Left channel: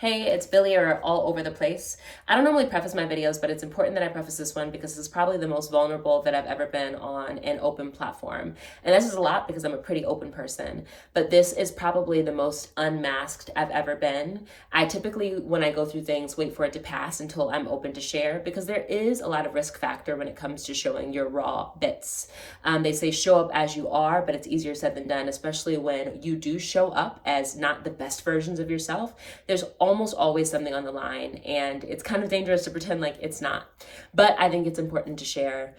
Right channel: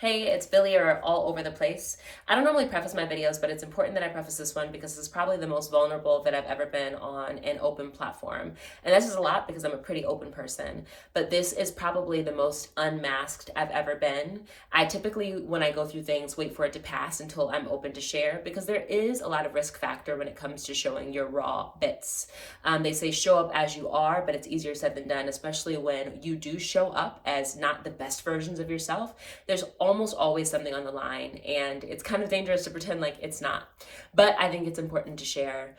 Hey, it's Billy or all over the place. I don't normally preface my videos, but it's important that I preface this one because it's probably the most vulnerable that I've ever been on an open platform. And this is a lot because I'm a pretty open person, but this is probably the most unmasked I've ever been. I typically, when I go through things, wait for it to pass until I'm open to share because there is a lot of risk factor when it comes to showing your raw bits. They say show up as you are, but it's easier said than done, especially when you do show up as not the best versions of yourself. There's almost always something on the line, and it's kind of dangerous to pretend like it's not. But I think it's important to share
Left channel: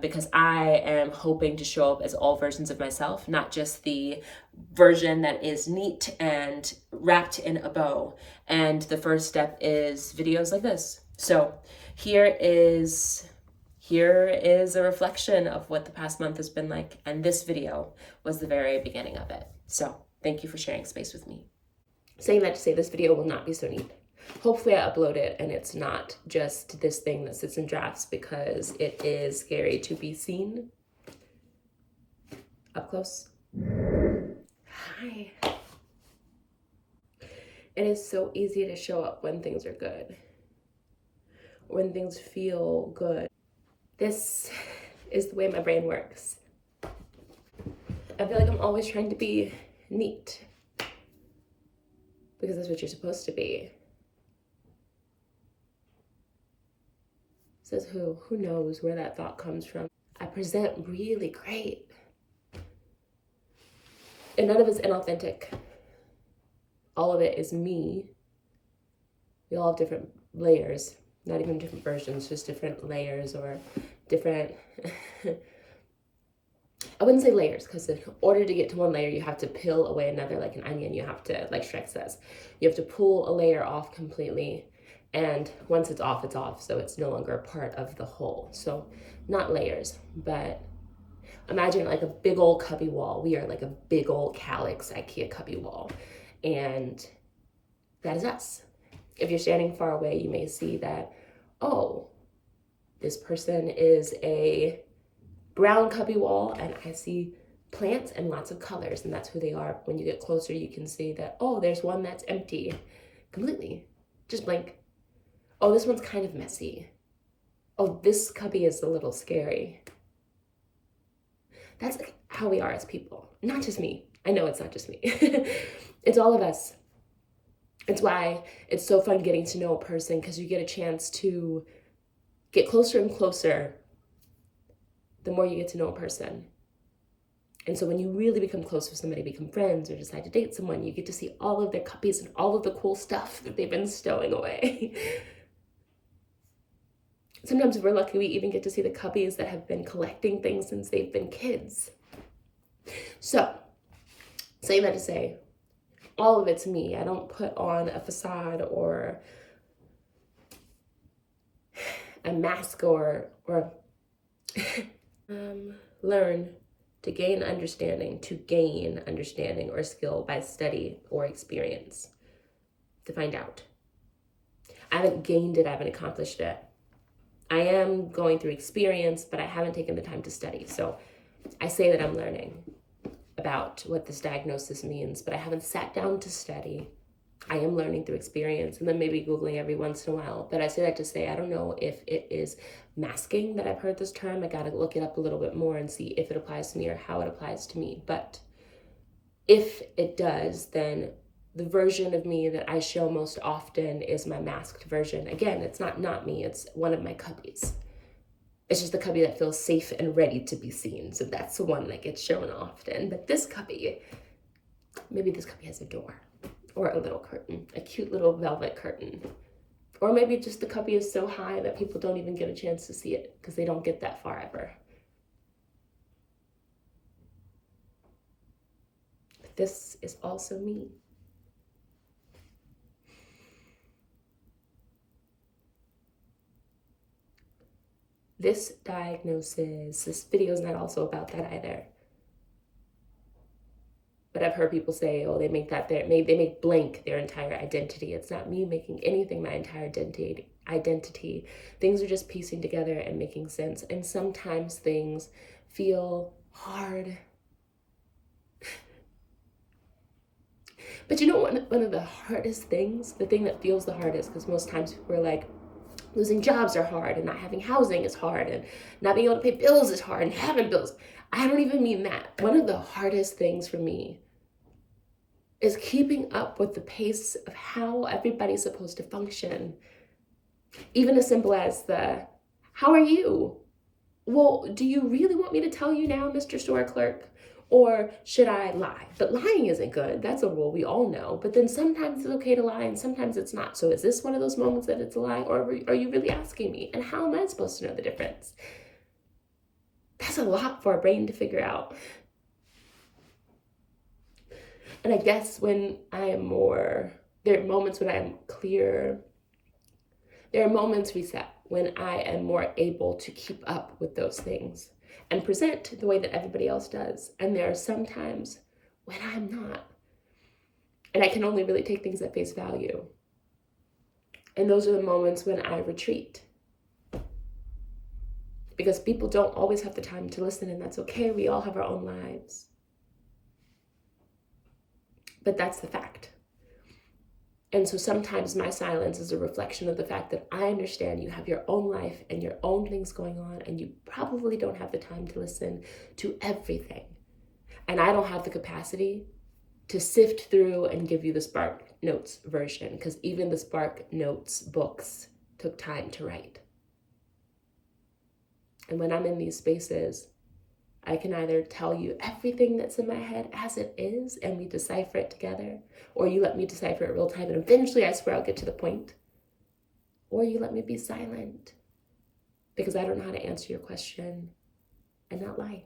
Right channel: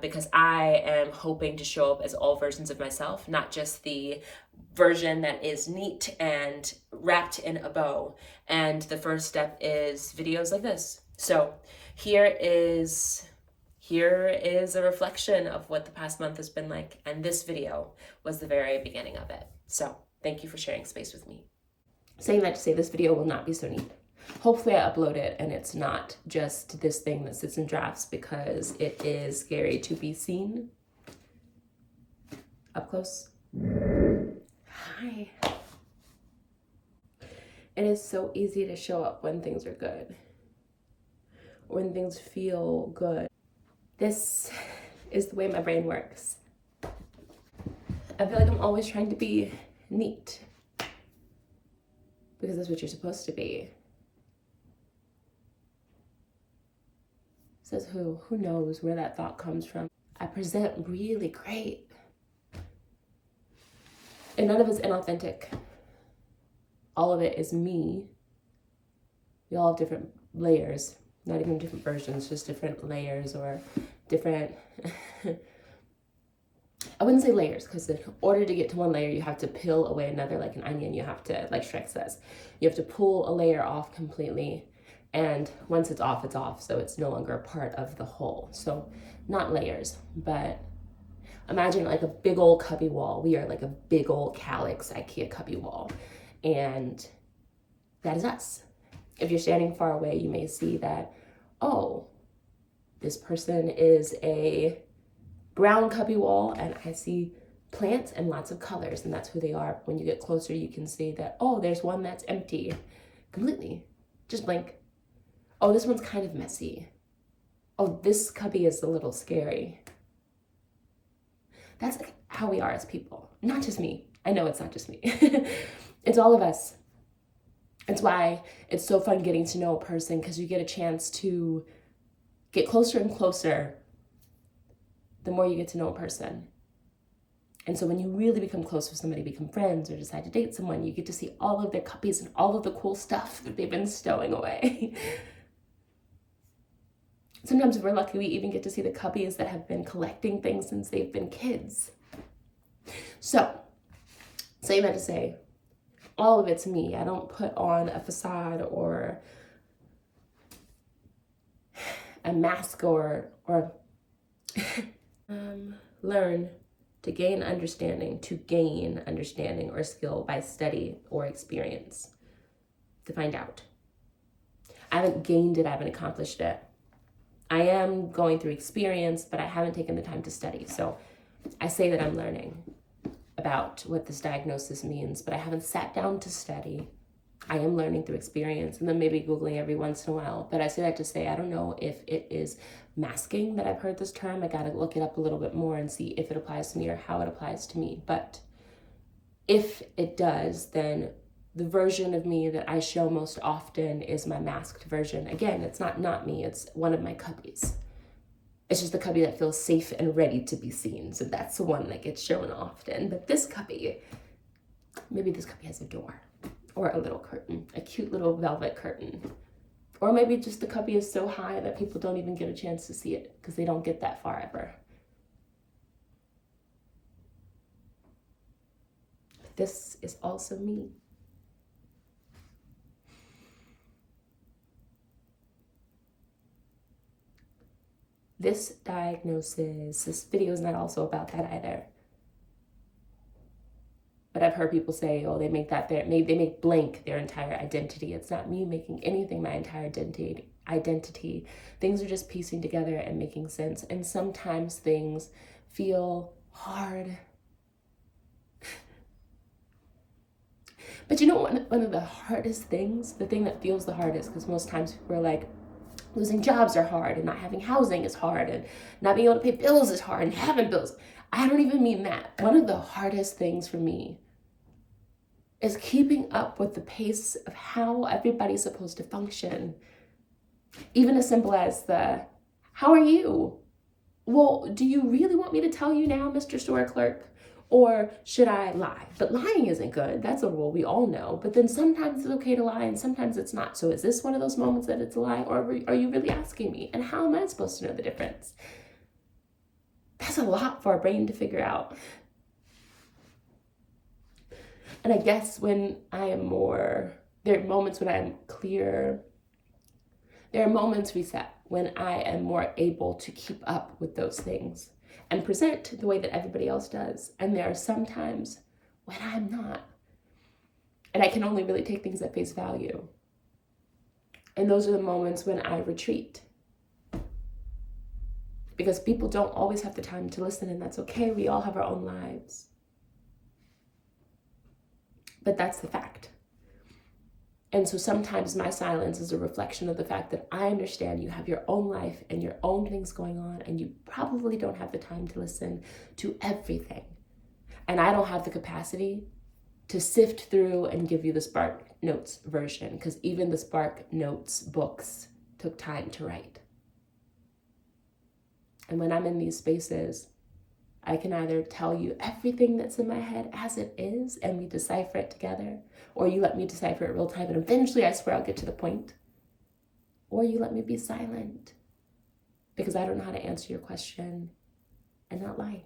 because I am hoping to show up as all versions of myself, not just the version that is neat and wrapped in a bow. And the first step is videos like this. So here is a reflection of what the past month has been like, and this video was the very beginning of it. So thank you for sharing space with me. Saying that to say this video will not be so neat. Hopefully I upload it and it's not just this thing that sits in drafts because it is scary to be seen. Up close. Hi. It is so easy to show up when things are good, when things feel good. This is the way my brain works. I feel like I'm always trying to be neat because that's what you're supposed to be. Says who? Who knows where that thought comes from? I present really great. And none of it's inauthentic. All of it is me. We all have different layers, not even different versions, just different layers or different... I wouldn't say layers, because in order to get to one layer, you have to peel away another like an onion. You have to, like Shrek says, you have to pull a layer off completely. And once it's off, so it's no longer a part of the whole. So not layers, but imagine like a big old cubby wall. We are like a big old calyx IKEA cubby wall. And that is us. If you're standing far away, you may see that, oh, this person is a brown cubby wall, and I see plants and lots of colors, and that's who they are. When you get closer, you can see that, oh, there's one that's empty completely, just blank. Oh, this one's kind of messy. Oh, this cubby is a little scary. That's like how we are as people. Not just me. I know it's not just me. It's all of us. It's why it's so fun getting to know a person, because you get a chance to get closer and closer the more you get to know a person. And so when you really become close with somebody, become friends, or decide to date someone, you get to see all of their cuppies and all of the cool stuff that they've been stowing away. Sometimes if we're lucky, we even get to see the cubbies that have been collecting things since they've been kids. So, saying that to say, all of it's me. I don't put on a facade or a mask or learn to gain understanding or skill by study or experience to find out. I haven't gained it, I haven't accomplished it. I am going through experience, but I haven't taken the time to study. So I say that I'm learning about what this diagnosis means, but I haven't sat down to study. I am learning through experience and then maybe Googling every once in a while. But I say that to say, I don't know if it is masking that I've heard this term. I gotta look it up a little bit more and see if it applies to me or how it applies to me. But if it does, then the version of me that I show most often is my masked version. Again, it's not me, it's one of my cubbies. It's just the cubby that feels safe and ready to be seen. So that's the one that gets shown often. But this cubby, maybe this cubby has a door or a little curtain, a cute little velvet curtain. Or maybe just the cubby is so high that people don't even get a chance to see it because they don't get that far ever. But this is also me. This diagnosis, this video is not also about that either. But I've heard people say, oh, they make blank their entire identity. It's not me making anything my entire identity. Things are just piecing together and making sense. And sometimes things feel hard. But you know, one of the hardest things, the thing that feels the hardest, because most times people are like, losing jobs are hard, and not having housing is hard, and not being able to pay bills is hard, and having bills. I don't even mean that. One of the hardest things for me is keeping up with the pace of how everybody's supposed to function. Even as simple as how are you? Well, do you really want me to tell you now, Mr. Store Clerk? Or should I lie? But lying isn't good. That's a rule we all know. But then sometimes it's okay to lie and sometimes it's not. So is this one of those moments that it's a lie, or are you really asking me? And how am I supposed to know the difference? That's a lot for our brain to figure out. And I guess when I am there are moments when I'm clear. There are moments reset when I am more able to keep up with those things and present the way that everybody else does. And there are some times when I'm not. And I can only really take things at face value. And those are the moments when I retreat. Because people don't always have the time to listen, and that's okay. We all have our own lives. But that's the fact. And so sometimes my silence is a reflection of the fact that I understand you have your own life and your own things going on, and you probably don't have the time to listen to everything. And I don't have the capacity to sift through and give you the Spark Notes version, because even the Spark Notes books took time to write. And when I'm in these spaces, I can either tell you everything that's in my head as it is and we decipher it together, or you let me decipher it real time and eventually I swear I'll get to the point, or you let me be silent because I don't know how to answer your question and not lie.